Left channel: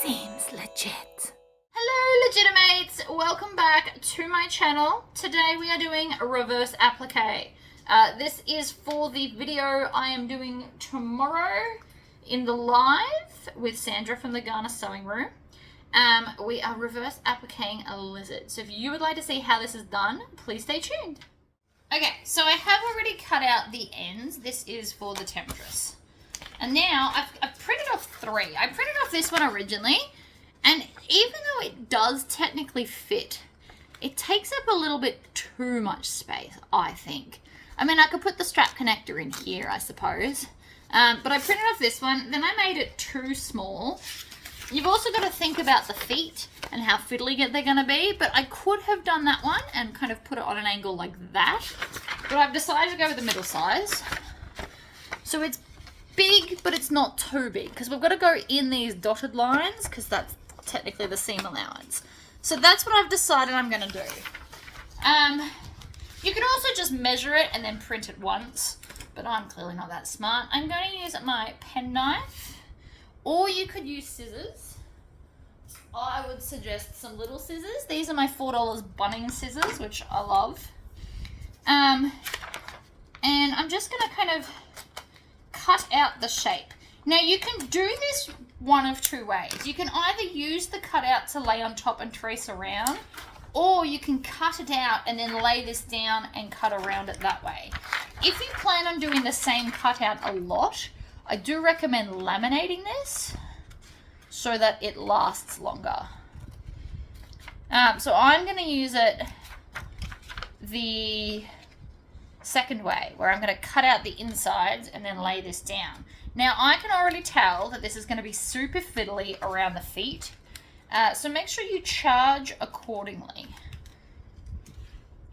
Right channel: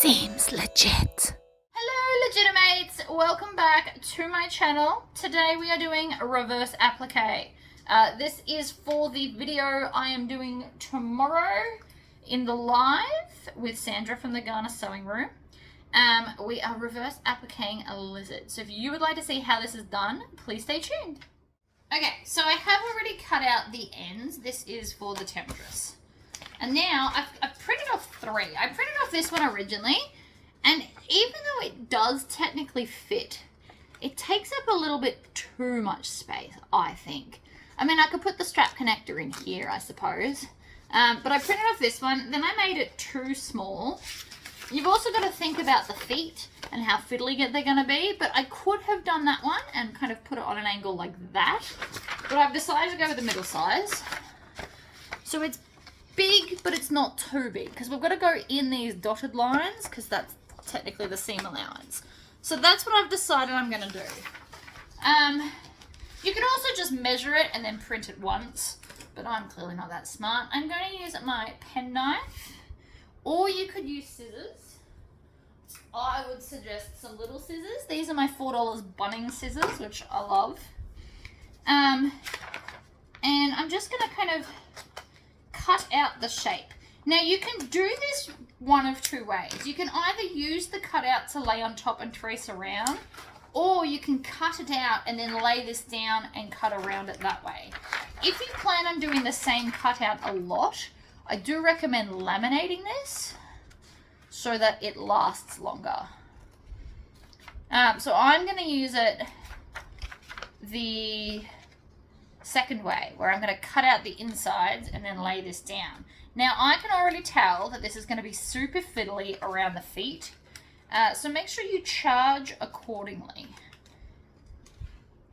Seems legit. Hello Legitimates, welcome back to my channel. Today we are doing reverse applique. This is for the video I am doing tomorrow in the live with Sandra from the Ghana Sewing Room. We are reverse appliquing a lizard. So if you would like to see how this is done, please stay tuned. Okay, so I have already cut out the ends. This is for the temptress. And now I've printed off three. I printed off this one originally, and even though it does technically fit, it takes up a little bit too much space, I think. I mean, I could put the strap connector in here, I suppose. But I printed off this one, then I made it too small. You've also got to think about the feet and how fiddly they're going to be, but I could have done that one and kind of put it on an angle like that. But I've decided to go with the middle size. So it's big, but it's not too big, because we've got to go in these dotted lines, because that's technically the seam allowance. So that's what I've decided I'm going to do. You can also just measure it and then print it once, but I'm clearly not that smart. I'm going to use my pen knife, or you could use scissors. I would suggest some little scissors. These are my $4 Bunnings scissors, which I love. And I'm just going to kind of cut out the shape. Now you can do this one of two ways. You can either use the cutout to lay on top and trace around, or you can cut it out and then lay this down and cut around it that way. If you plan on doing the same cutout a lot, I do recommend laminating this so that it lasts longer. So I'm going to use it the second way, where I'm going to cut out the insides and then lay this down. Now I can already tell that this is going to be super fiddly around the feet, so make sure you charge accordingly.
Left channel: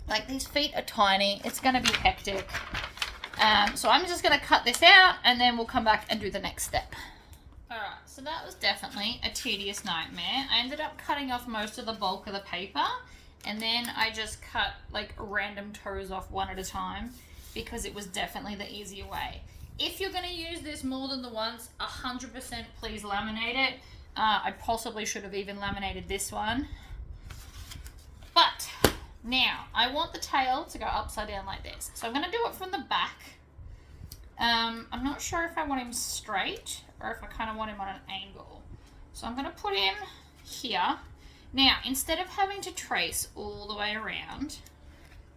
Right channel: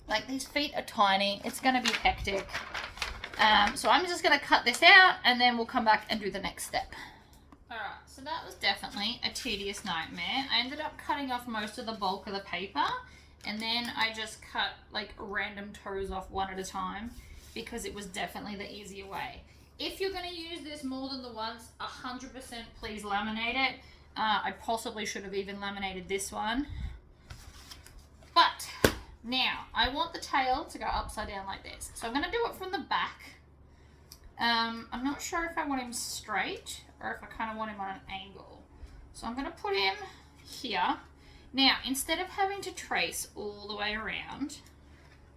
Like, these feet are tiny, it's going to be hectic. So I'm just going to cut this out and then we'll come back and do the next step. Alright, so that was definitely a tedious nightmare. I ended up cutting off most of the bulk of the paper, and then I just cut like random toes off one at a time, because it was definitely the easier way. If you're going to use this more than the once, 100% please laminate it. I possibly should have even laminated this one. But now I want the tail to go upside down like this. So I'm going to do it from the back. I'm not sure if I want him straight or if I kind of want him on an angle. So I'm going to put him here. Now, instead of having to trace all the way around,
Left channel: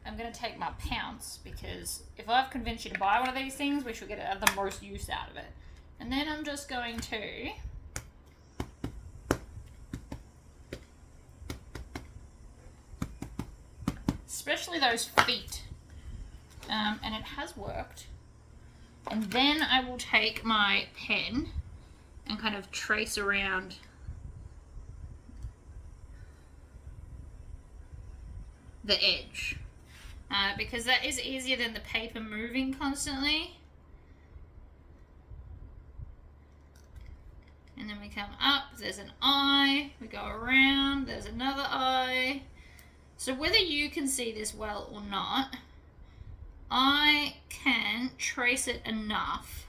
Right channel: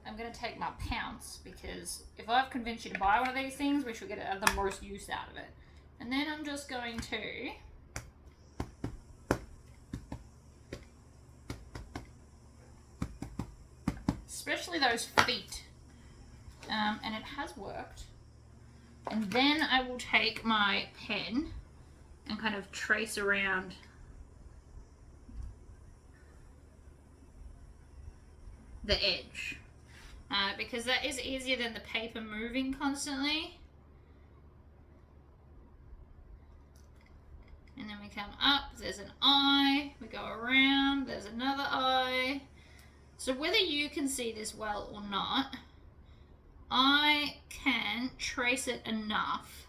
I'm going to take my pounce, because if I've convinced you to buy one of these things, we should get the most use out of it. And then I'm just going to especially those feet, and it has worked. And then I will take my pen and kind of trace around the edge, because that is easier than the paper moving constantly. And then we come up, there's an eye, we go around, there's another eye. So whether you can see this well or not, I can trace it enough.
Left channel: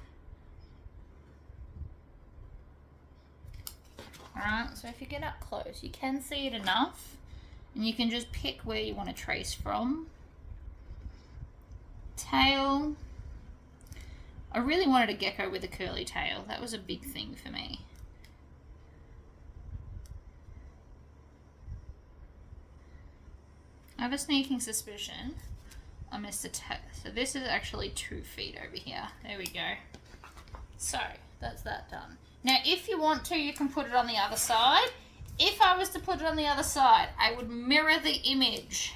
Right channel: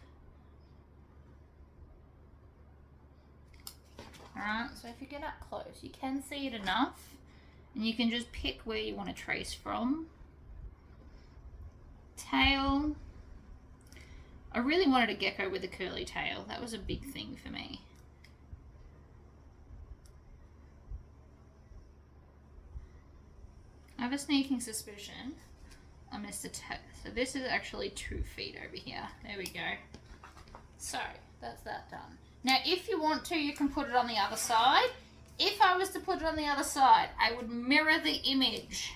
Alright, so if you get up close, you can see it enough. And you can just pick where you want to trace from. Tail. I really wanted a gecko with a curly tail. That was a big thing for me. I have a sneaking suspicion I missed a tail. So this is actually 2 feet over here. There we go. So that's that done. Now if you want to, you can put it on the other side. If I was to put it on the other side, I would mirror the image,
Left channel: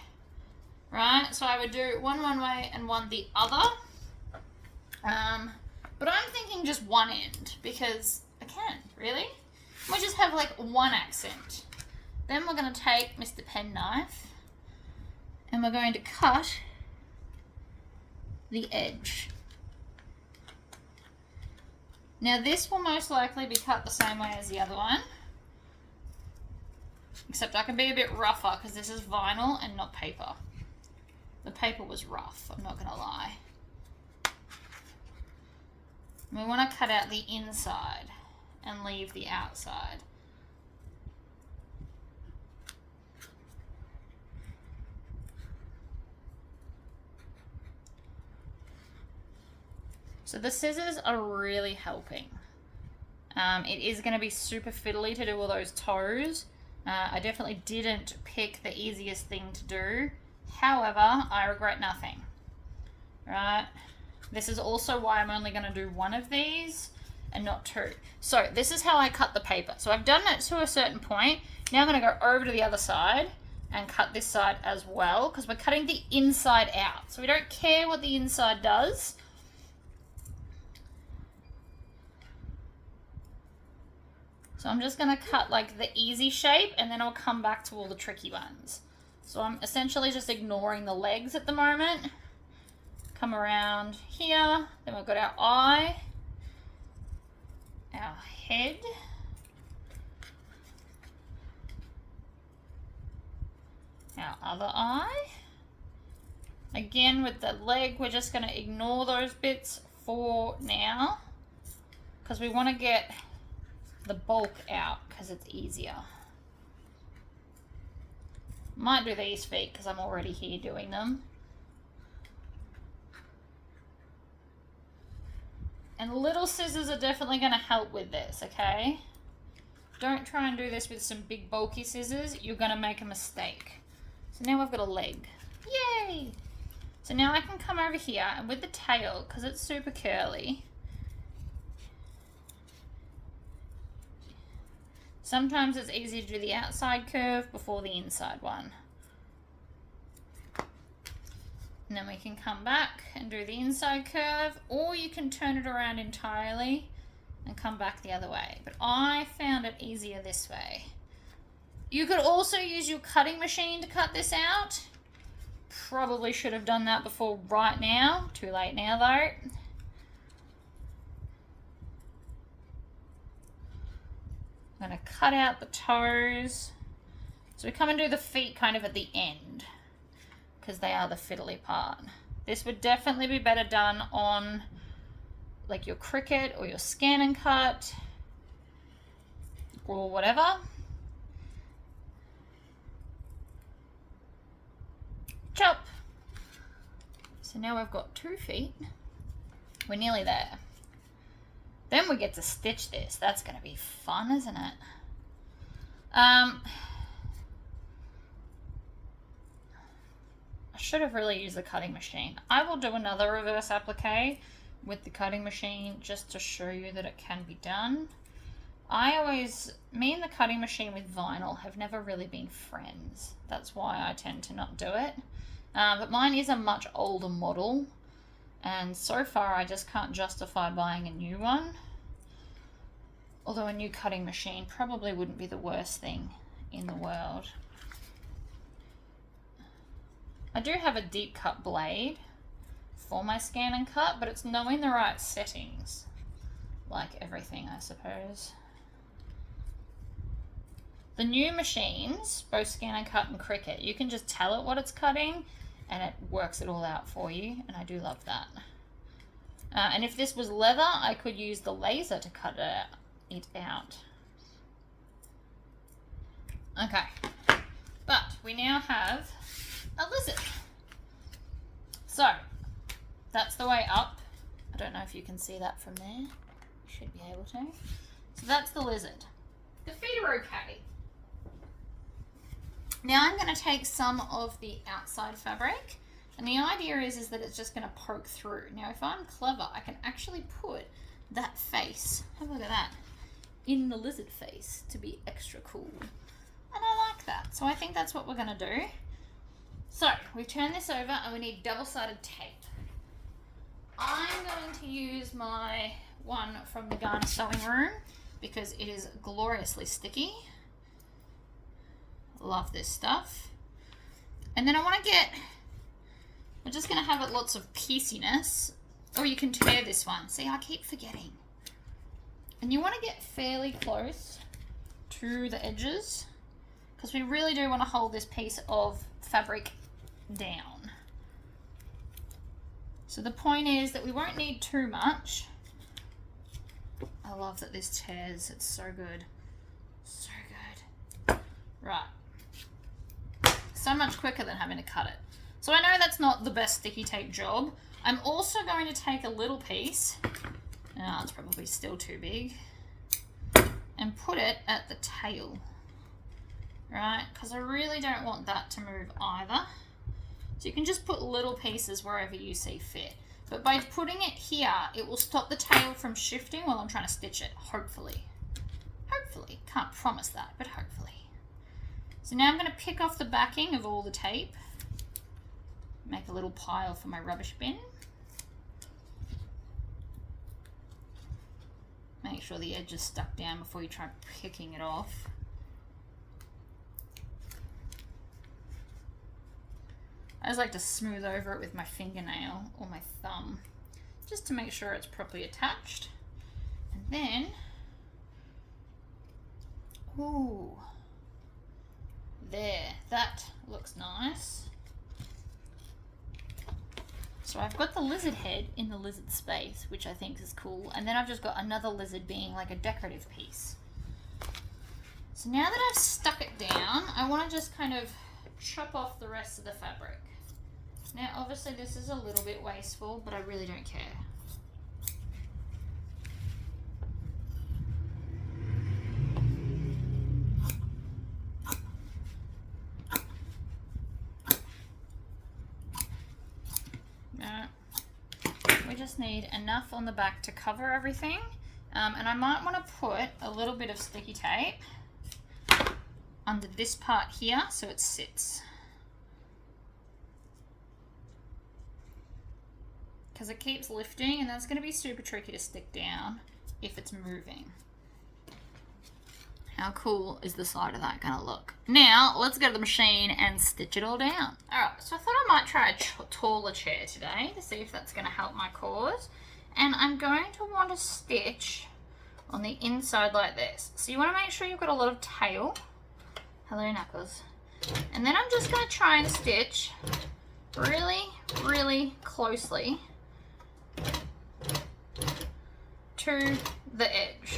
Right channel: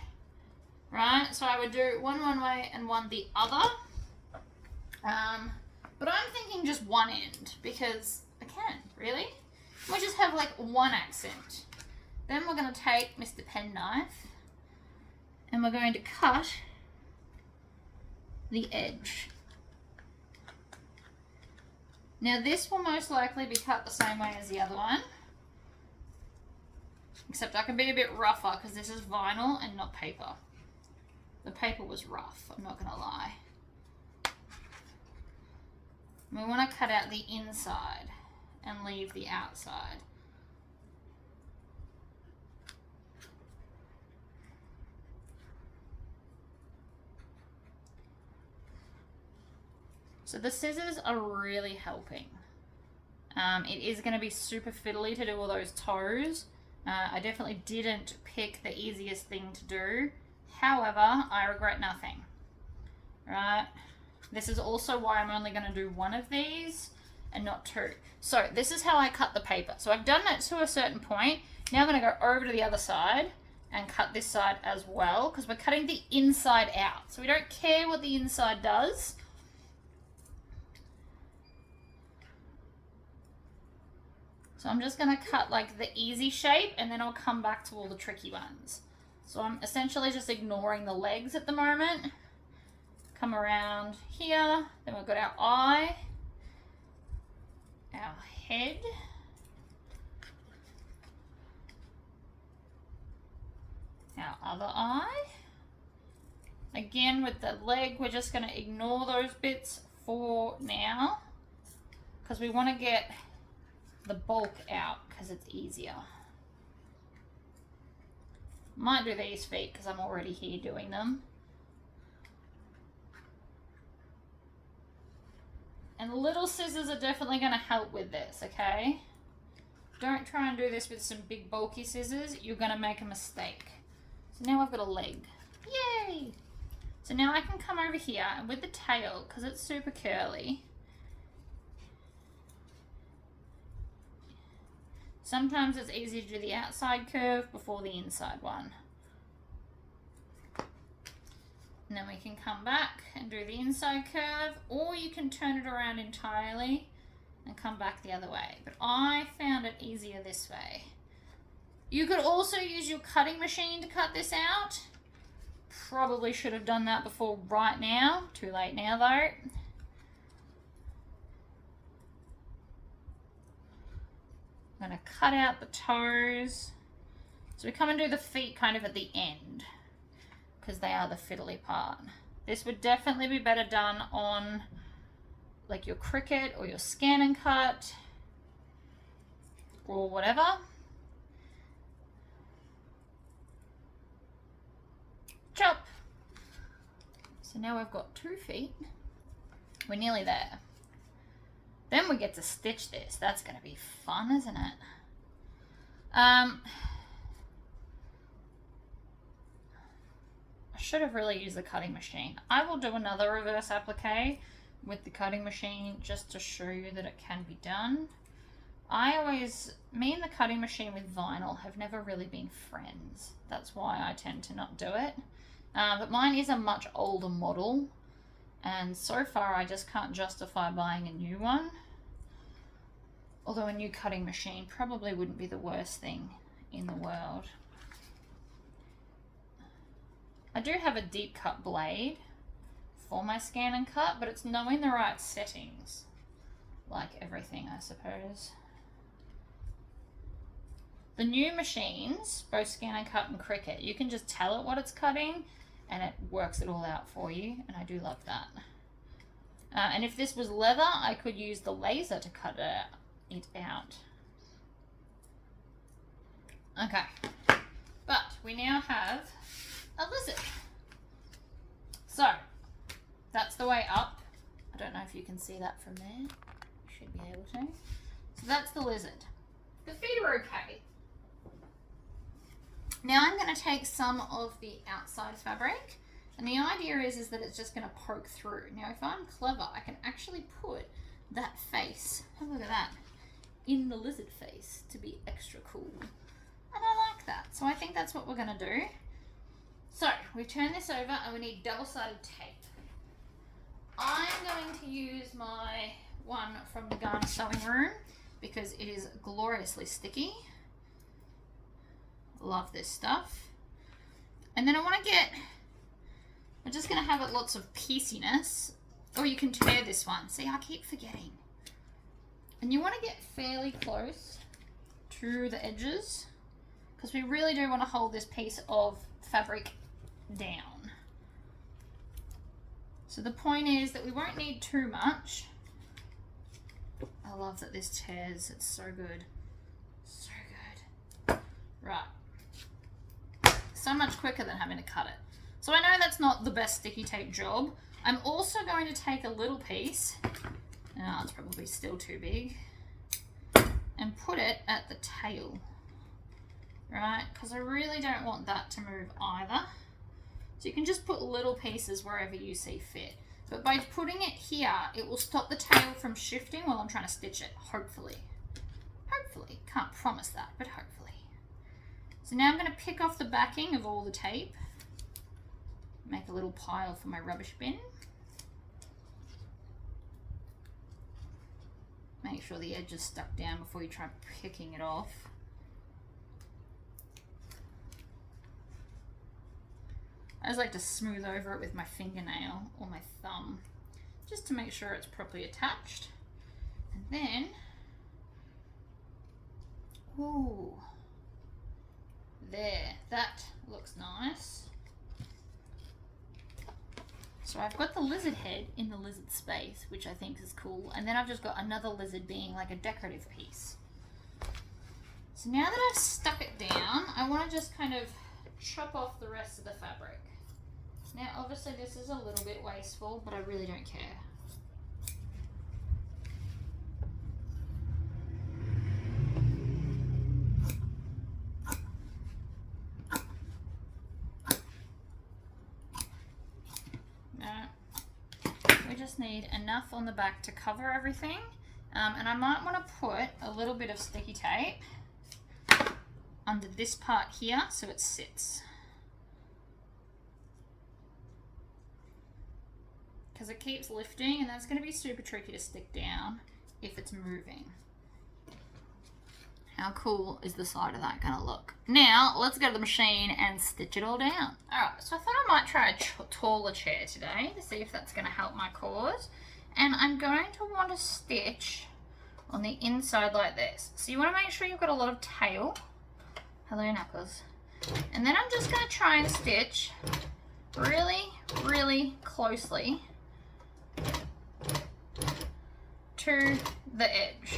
right? So I would do one way and one the other. But I'm thinking just one end, because I can, really. We'll just have like one accent. Then we're going to take Mr. Penknife and we're going to cut the edge. Now this will most likely be cut the same way as the other one. Except I can be a bit rougher, because this is vinyl and not paper. The paper was rough, I'm not going to lie. We want to cut out the inside and leave the outside. So the scissors are really helping. It is going to be super fiddly to do all those toes. I definitely didn't pick the easiest thing to do. However, I regret nothing. Right? This is also why I'm only going to do one of these and not two. So this is how I cut the paper. So I've done it to a certain point. Now I'm going to go over to the other side and cut this side as well, because we're cutting the inside out. So we don't care what the inside does. So I'm just going to cut like the easy shape, and then I'll come back to all the tricky ones. So I'm essentially just ignoring the legs at the moment. Come around here, then we've got our eye, our head, our other eye. Again, with the leg, we're just going to ignore those bits for now, because we want to get the bulk out because it's easier. Might do these feet because I'm already here doing them. And little scissors are definitely going to help with this, okay? Don't try and do this with some big bulky scissors. You're going to make a mistake. So now I've got a leg. Yay! So now I can come over here, and with the tail, because it's super curly, sometimes it's easy to do the outside curve before the inside one. And then we can come back and do the inside curve, or you can turn it around entirely and come back the other way. But I found it easier this way. You could also use your cutting machine to cut this out. Probably should have done that before right now. Too late now though. I'm going to cut out the toes. So we come and do the feet kind of at the end, because they are the fiddly part. This would definitely be better done on like your Cricut or your Scan and Cut or whatever. Chop. So now I've got 2 feet. We're nearly there. Then we get to stitch this. That's going to be fun, isn't it? I should have really used the cutting machine. I will do another reverse applique with the cutting machine just to show you that it can be done. Me and the cutting machine with vinyl have never really been friends. That's why I tend to not do it. But mine is a much older model, and so far I just can't justify buying a new one. Although a new cutting machine probably wouldn't be the worst thing in the world. I do have a deep cut blade for my Scan and Cut, but it's knowing the right settings, like everything, I suppose. The new machines, both Scan and Cut and Cricut, you can just tell it what it's cutting and it works it all out for you, and I do love that. And if this was leather, I could use the laser to cut it out. Okay, but we now have a lizard. So that's the way up. I don't know if you can see that from there. You should be able to. So that's the lizard. The feet are okay. Now I'm going to take some of the outside fabric, and the idea is that it's just going to poke through. Now if I'm clever, I can actually put that face, have a look at that, in the lizard face to be extra cool. And I like that. So I think that's what we're going to do. So we turn this over and we need double-sided tape. I'm going to use my one from the Garner Sewing Room because it is gloriously sticky. Love this stuff. And then we're just going to have it lots of pieciness, or you can tear this one. See, I keep forgetting. And you want to get fairly close to the edges because we really do want to hold this piece of fabric down. So the point is that we won't need too much. I love that this tears, it's so good. So good. Right. So much quicker than having to cut it. So I know that's not the best sticky tape job. I'm also going to take a little piece, it's probably still too big, and put it at the tail, right? Because I really don't want that to move either. So you can just put little pieces wherever you see fit. But by putting it here, it will stop the tail from shifting while I'm trying to stitch it, hopefully. Hopefully, can't promise that, but hopefully. So now I'm going to pick off the backing of all the tape, make a little pile for my rubbish bin. Make sure the edge is stuck down before you try picking it off. I just like to smooth over it with my fingernail or my thumb, just to make sure it's properly attached. And then, ooh, there, that looks nice. So I've got the lizard head in the lizard space, which I think is cool. And then I've just got another lizard being like a decorative piece. So now that I've stuck it down, I want to just kind of chop off the rest of the fabric. Now obviously this is a little bit wasteful, but I really don't care. We just need enough on the back to cover everything, and I might want to put a little bit of sticky tape under this part here so it sits, because it keeps lifting and that's going to be super tricky to stick down if it's moving. How cool is the side of that going to look? Now, let's go to the machine and stitch it all down. Alright, so I thought I might try a taller chair today to see if that's going to help my cause. And I'm going to want to stitch on the inside like this. So you want to make sure you've got a lot of tail. Hello, Knuckles. And then I'm just going to try and stitch really, really closely to the edge.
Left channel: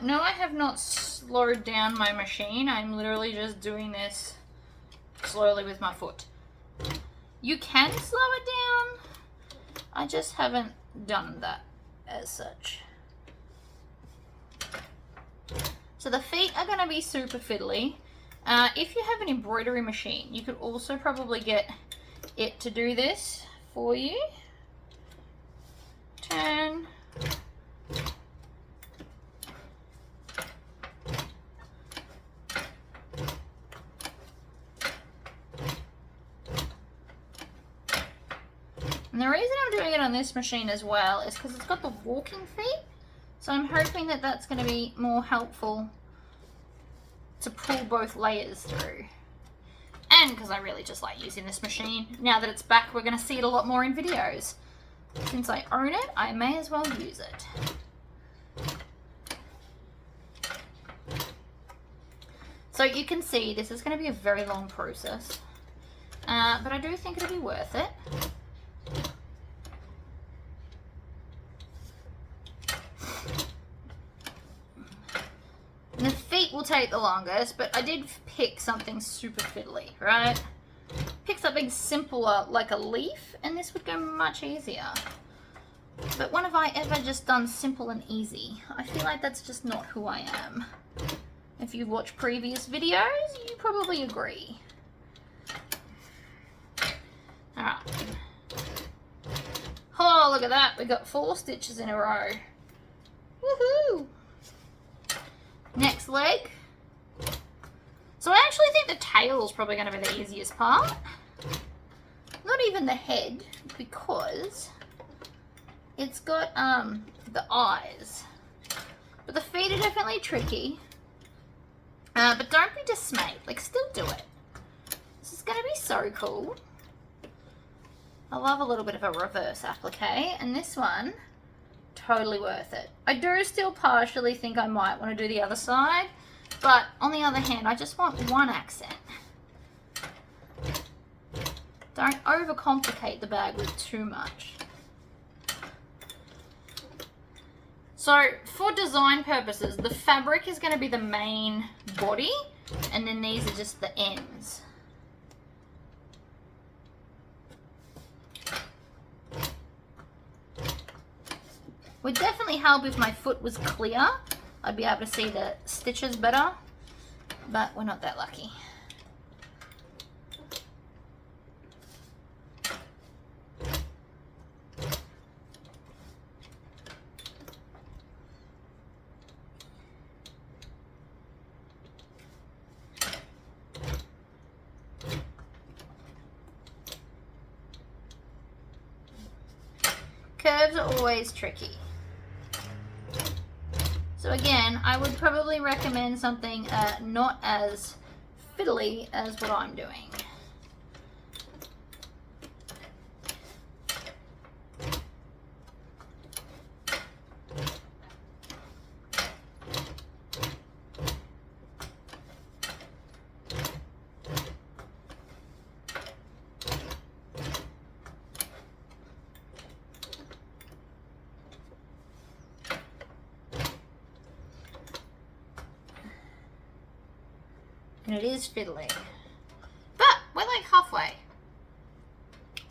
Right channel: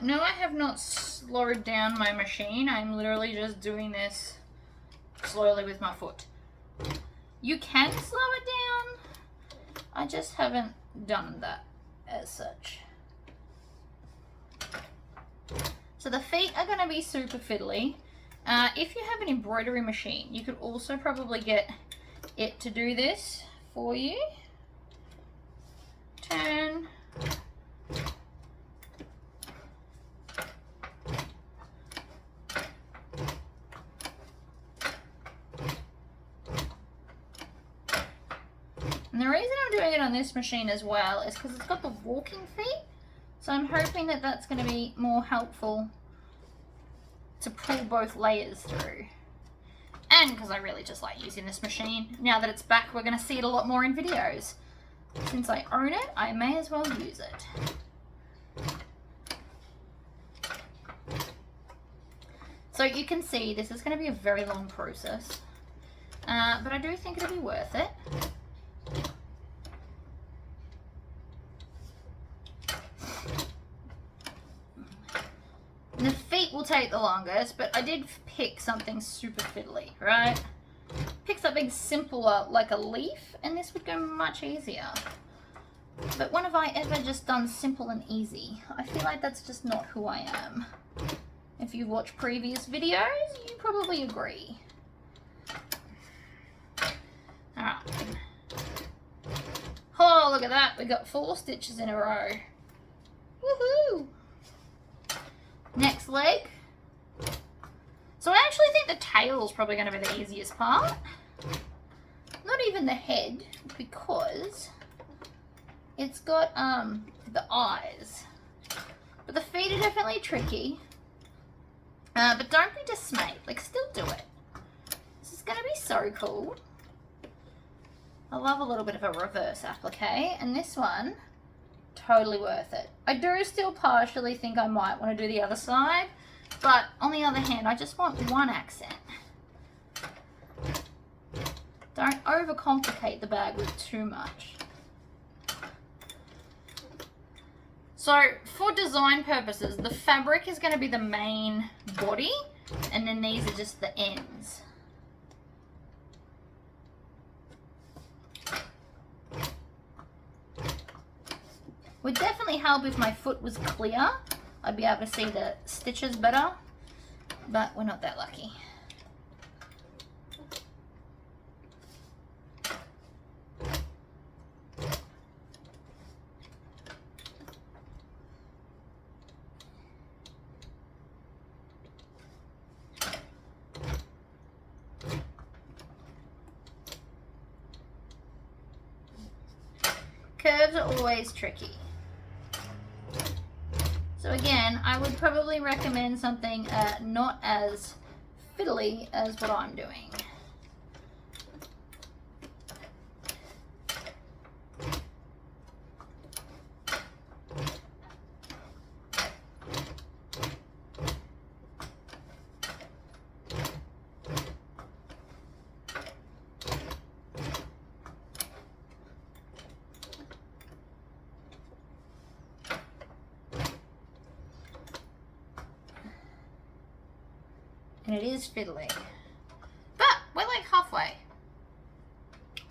No, I have not slowed down my machine. I'm literally just doing this slowly with my foot. You can slow it down. I just haven't done that as such. So the feet are going to be super fiddly. If you have an embroidery machine, you could also probably get it to do this for you. Turn. And the reason I'm doing it on this machine as well is because it's got the walking feet. So I'm hoping that that's going to be more helpful to pull both layers through. And because I really just like using this machine. Now that it's back, we're going to see it a lot more in videos. Since I own it, I may as well use it. So you can see this is going to be a very long process. But I do think it'll be worth it. And the feet will take the longest, but I did pick something super fiddly, right? Pick something simpler like a leaf, and this would go much easier. But when have I ever just done simple and easy? I feel like that's just not who I am. If you've watched previous videos, you probably agree. Alright. Oh, look at that. We got 4 stitches in a row. Woohoo! Next leg. So I actually think the tail is probably going to be the easiest part. Not even the head, because it's got the eyes. But the feet are definitely tricky. But don't be dismayed. Like, still do it. This is going to be so cool. I love a little bit of a reverse applique, and this one, totally worth it. I do still partially think I might want to do the other side, but on the other hand, I just want one accent. Don't overcomplicate the bag with too much. So for design purposes, the fabric is going to be the main body, and then these are just the ends. Would definitely help if my foot was clear. I'd be able to see the stitches better, but we're not that lucky. Curves are always tricky. So again, I would probably recommend something not as fiddly as what I'm doing. And it is fiddly, but we're like halfway.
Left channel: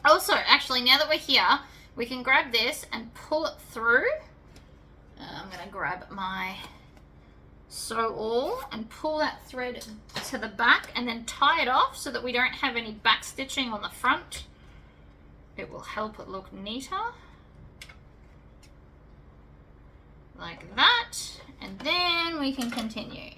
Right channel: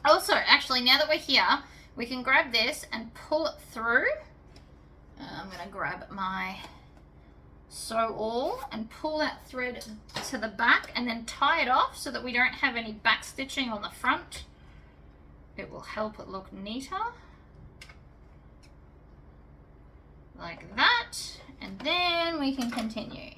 Also, actually, now that we're here, we can grab this and pull it through. I'm gonna grab my sew all and pull that thread to the back and then tie it off so that we don't have any back stitching on the front. It will help it look neater. Like that, and then we can continue.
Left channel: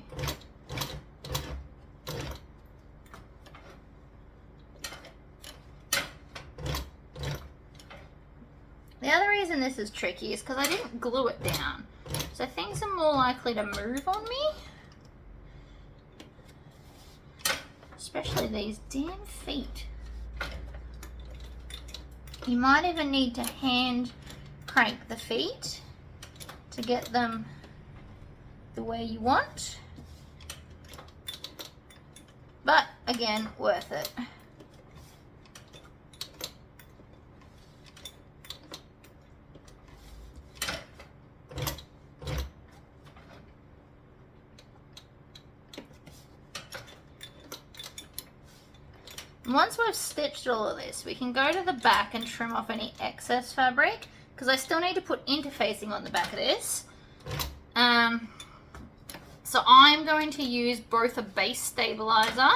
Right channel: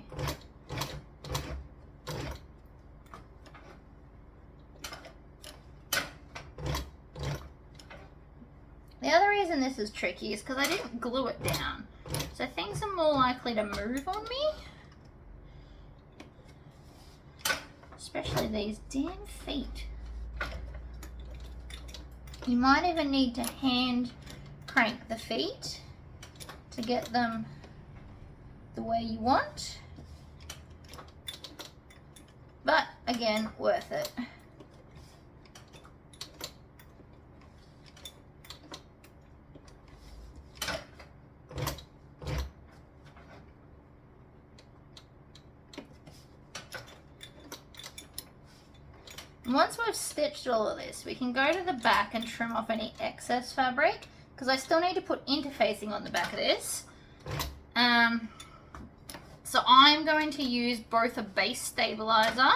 The other reason this is tricky is because I didn't glue it down. So things are more likely to move on me. Especially these damn feet. You might even need to hand crank the feet to get them the way you want. But again, worth it. Once we've stitched all of this, we can go to the back and trim off any excess fabric, because I still need to put interfacing on the back of this. So I'm going to use both a base stabilizer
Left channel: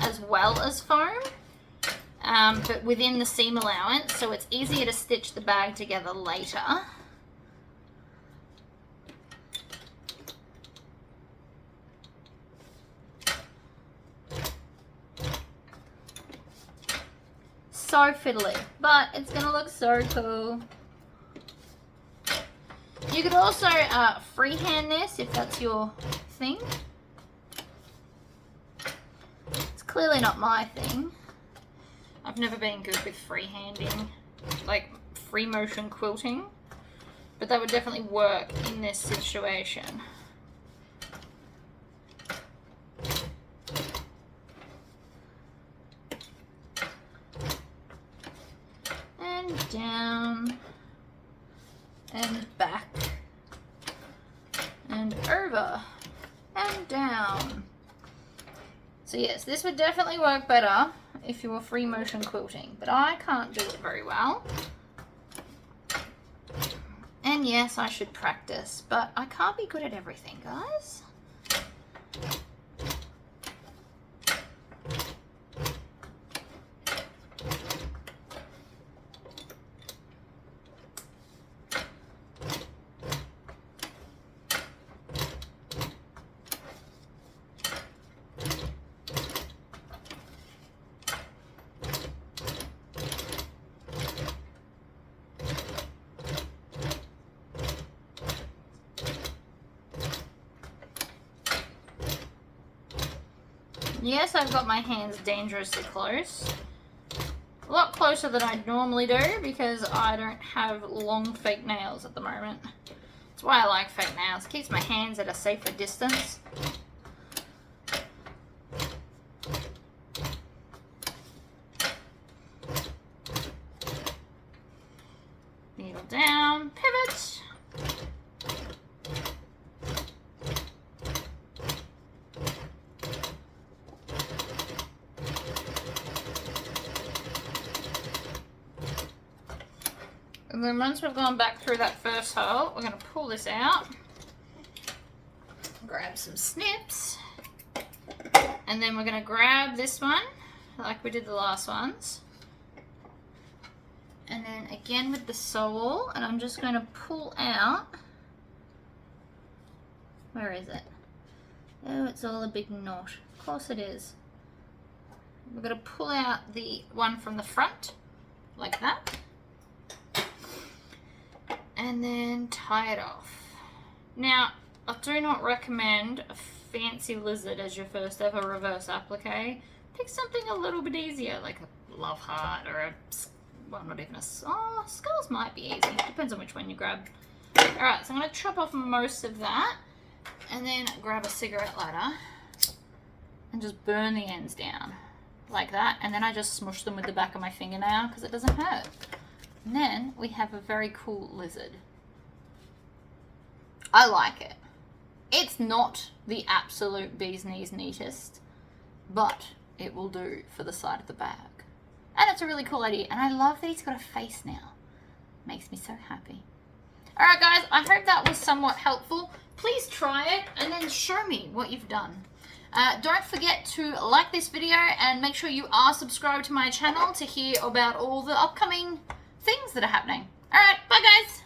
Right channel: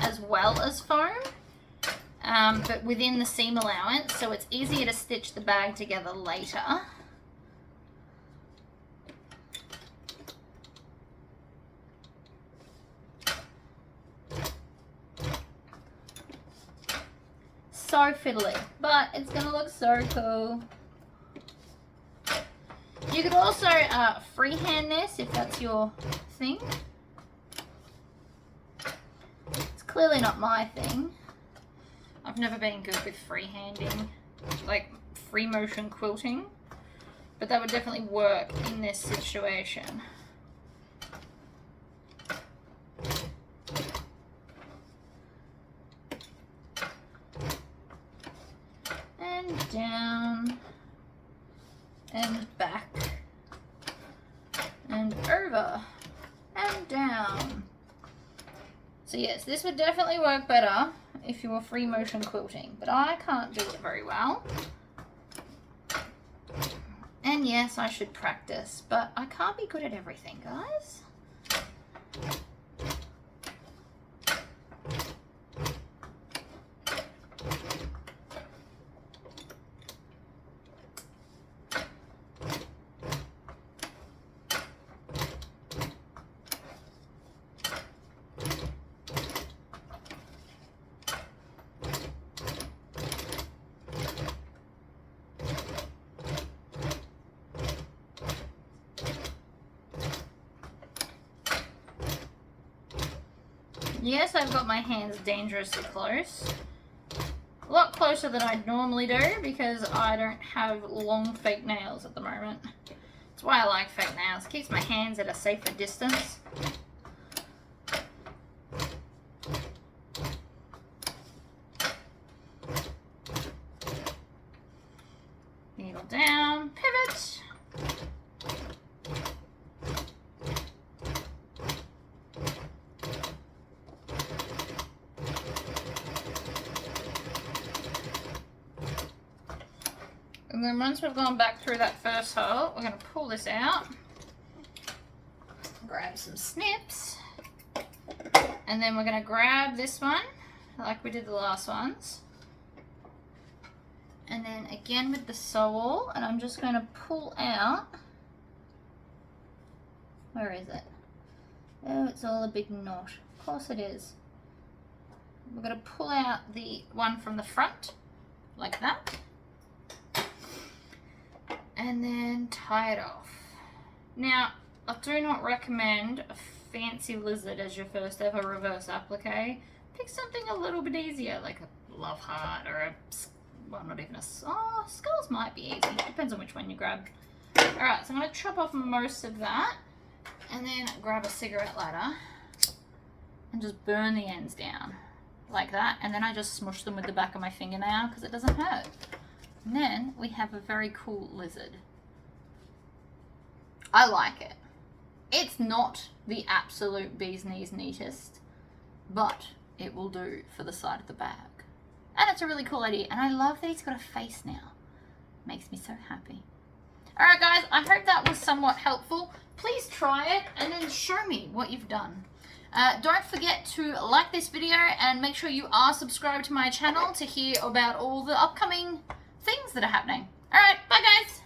as well as foam, but within the seam allowance, so it's easier to stitch the bag together later. So fiddly, but it's gonna look so cool. You could also freehand this if that's your thing. It's clearly not my thing. I've never been good with freehanding, like free motion quilting, but that would definitely work in this situation. And down and back and over and down. So yes, this would definitely work better if you were free motion quilting, but I can't do it very well. And yes, I should practice, but I can't be good at everything, guys. Yes, I've got my hands dangerously close. A lot closer than I'd normally do because I don't have long fake nails at the moment. That's why I like fake nails. It keeps my hands at a safer distance. Needle down, pivot. And then once we've gone back through that first hole, we're going to pull this out. Grab some snips. And then we're going to grab this one, like we did the last ones. And then again with the sole, and I'm just going to pull out. Where is it? Oh, it's all a big knot. Of course it is. We're going to pull out the one from the front, like that. And then tie it off. Now, I do not recommend a fancy lizard as your first ever reverse applique. Pick something a little bit easier, like a love heart or a, well, not even a, oh, skulls might be easy. Depends on which one you grab. Alright, so I'm going to chop off most of that and then grab a cigarette lighter and just burn the ends down like that. And then I just smush them with the back of my fingernail because it doesn't hurt. And then we have a very cool lizard. I like it. It's not the absolute bee's knees neatest, but it will do for the side of the bag. And it's a really cool idea. And I love that he's got a face now. Makes me so happy. Alright guys, I hope that was somewhat helpful. Please try it and then show me what you've done. Don't forget to like this video and make sure you are subscribed to my channel to hear about all the upcoming things that are happening. Alright, bye guys!